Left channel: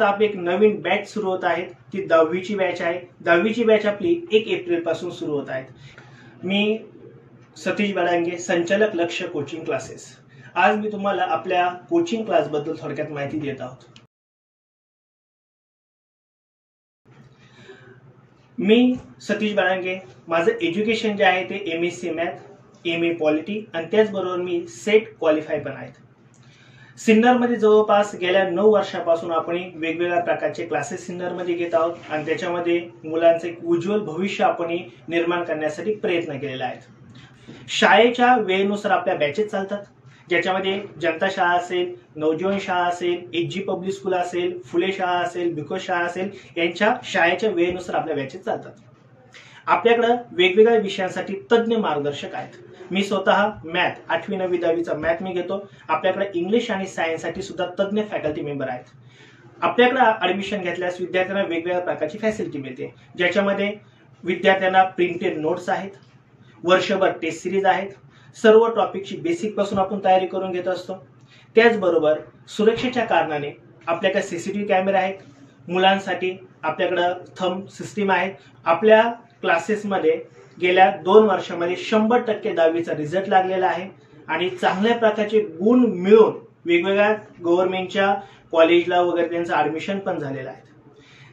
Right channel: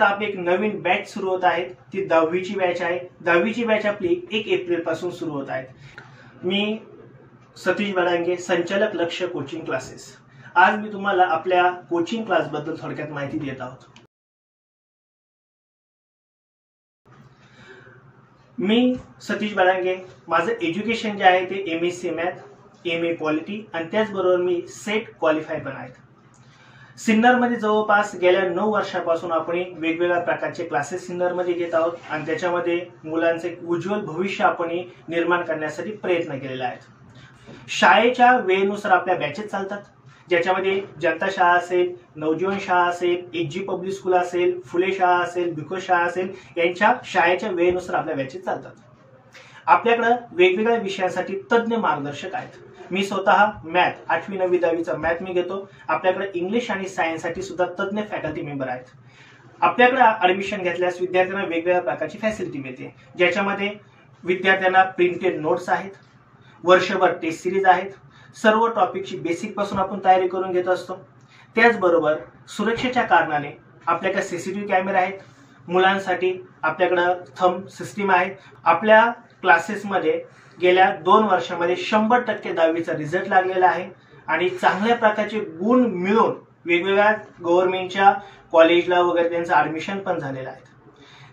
आता आपली एक नवीन बॅच सुरू होत आहे। ती 10वीची बॅच आहे। 10वीची बॅच आपली 1 एप्रिल पासून सुरू होत आहे। मी सतीश बडांगे, संचालक लक्ष्य कोचिंग क्लासेस। आज मी तुम्हाला आपल्या कोचिंग क्लास बद्दल थोडक्यात माहिती देत आहोत। मी सतीश बडांगे, माझं एज्युकेशन जे आहे ते MSc मॅथ, MA पॉलिटी आणि त्याचबरोबर मी सेट क्वालिफाय पण आहे। सिन्नर मध्ये जवळपास गेल्या 9 वर्षापासून आपण वेगवेगळ्या प्रकारचे क्लासेस सिन्नर मध्ये घेत आहोत आणि त्याच्यामध्ये मुलांचे एक उज्ज्वल भविष्य आपण निर्माण करण्यासाठी प्रयत्न केलेला आहे। शाळेच्या वेळेनुसार आपल्या बॅचेस चालतात, ज्याच्यामध्ये जनता शाळा असेल, नवजीवन शाळा असेल, HG पब्लिक स्कूल असेल, फुले शाळा असेल, बिको शाळा असेल, यांच्या शाळेच्या वेळेनुसार आपल्या बॅचेस चालतात। आपल्याकडे वेगवेगळ्या विषयांसाठी तज्ञ मार्गदर्शक आहेत। मी स्वतः मॅथ 8वी 9वी 10वीचा मॅथ मी घेतो। आपल्याकडे इंग्लिश आणि सायन्स साठी सुद्धा तज्ञ फॅकल्टी मेंबर आहेत। आपल्याकडे ऍडमिशन घेतल्यास विद्यार्थ्यांना वेगवेगळ्या प्रकारची फॅसिलिटी मिळते, ज्याच्यामध्ये विद्यार्थ्यांना प्रिंटेड नोट्स आहेत, वर्षभर टेस्ट सिरीज आहेत, सर्व टॉपिकची बेसिक पासून आपण तयारी करून घेत असतो। त्याचबरोबर सुरक्षेच्या कारणाने आपल्याकडे CCTV कॅमेरे आहेत, मुलांसाठी आपल्याकडे थंब सिस्टीम आहे। आपल्या क्लासेसमध्ये गेल्या 2 वर्षांमध्ये 100% 10वीचा रिझल्ट लागलेला आहे आणि चांगल्या प्रकारचे गुण मिळून वेगवेगळ्या गव्हर्नमेंटच्या कॉलेजला वगैरे त्यांचं ऍडमिशन पण झालेलं आहे।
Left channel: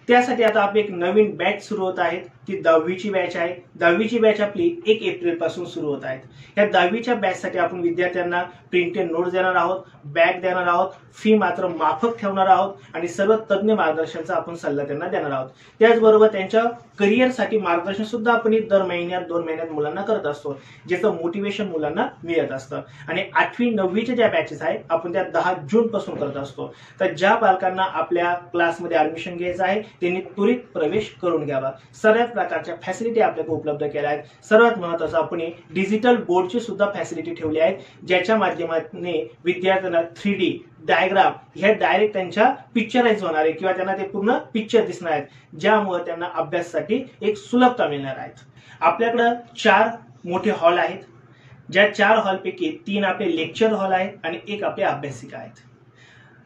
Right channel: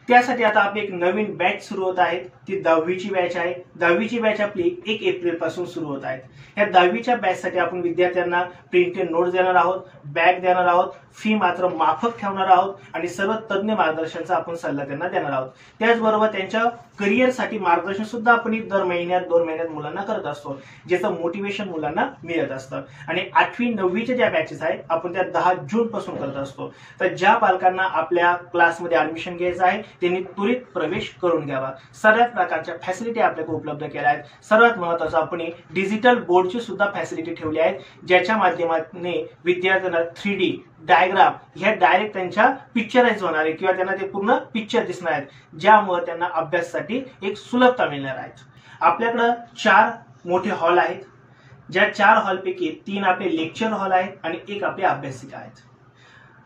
त्यासाठी आता आपली एक नवीन बॅच सुरू होत आहे। ती 10वीची बॅच आहे। 10वीची बॅच आपली 1 एप्रिल पासून सुरू होत आहे। या 10वीच्या बॅच साठी आपण विद्यार्थ्यांना प्रिंटेड नोट्स देणार आहोत, बॅग देणार आहोत, फी मात्र माफक ठेवणार आहोत आणि सर्व तज्ञ मार्गदर्शनाचा आपण सल्ला त्यांना देणार आहोत। त्याचबरोबर त्यांच्या करिअर साठी मार्गदर्शन सुद्धा आपण दर महिन्यात 2 महिन्यात मुलांना करत असतो, ज्याचं मोटिवेशन मुलांना मिळत असतं। आणि 8वी 9वीच्या ज्या बॅचेस आहेत आपण त्या 10 जून पासून करत असतो। तर ज्या पालकांना आपल्या क्लासमध्ये ऍडमिशन घ्यायचं आहे त्यांनी त्वरित प्रवेश करून घ्यावा। सर्व प्रकारच्या फॅसिलिटी आपल्याकडे उपलब्ध केल्या आहेत। सर्वात महत्त्वाचं आपण डिजिटल बोर्डची सुद्धा फॅसिलिटी ठेवली आहे, ज्याच्या माध्यमातून विद्यार्थ्यांना 3D डायग्राम ह्या डायरेक्ट त्यांच्या पिक्चराइज होणार आहे किंवा त्यांना ते पूर्ण पिक्चर दिसणार आहेत, ज्यामुळे त्यांना अभ्यासासाठी एक सुलभता मिळणार आहे। आपल्याकडे 4 मोठे हॉल आहेत, ज्या 4 हॉलपैकी 3 आपले लेक्चर हॉल आहेत आणि 1 आपले अभ्यासिका आहेत।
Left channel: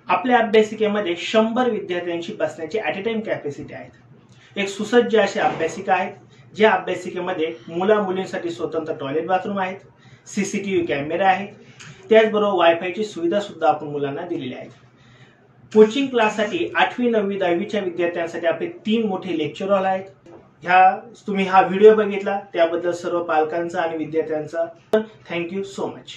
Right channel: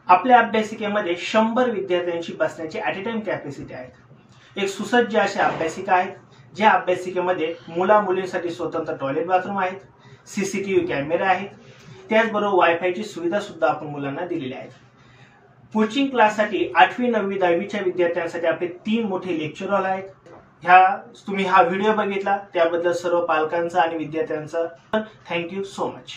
आपल्या अभ्यासिकेमध्ये 100 विद्यार्थ्यांची बसण्याची ॲट अ टाइम कॅपॅसिटी आहे। एक सुसज्ज अशी अभ्यासिका आहेत, ज्या अभ्यासिकेमध्ये मुला-मुलींसाठी स्वतंत्र टॉयलेट बाथरूम आहेत, CCTV कॅमेरे आहेत, त्याचबरोबर वायफायची सुविधा सुद्धा आपण मुलांना दिलेली आहे। कोचिंग क्लाससाठी 8वी 9वी 10वीच्या विद्यार्थ्यांसाठी आपले 3 मोठे लेक्चर हॉल आहेत। तुम्ही हा व्हिडिओ बघितला त्याबद्दल सर्व पालकांचा आणि विद्यार्थ्यांचा थँक्यू सो मच।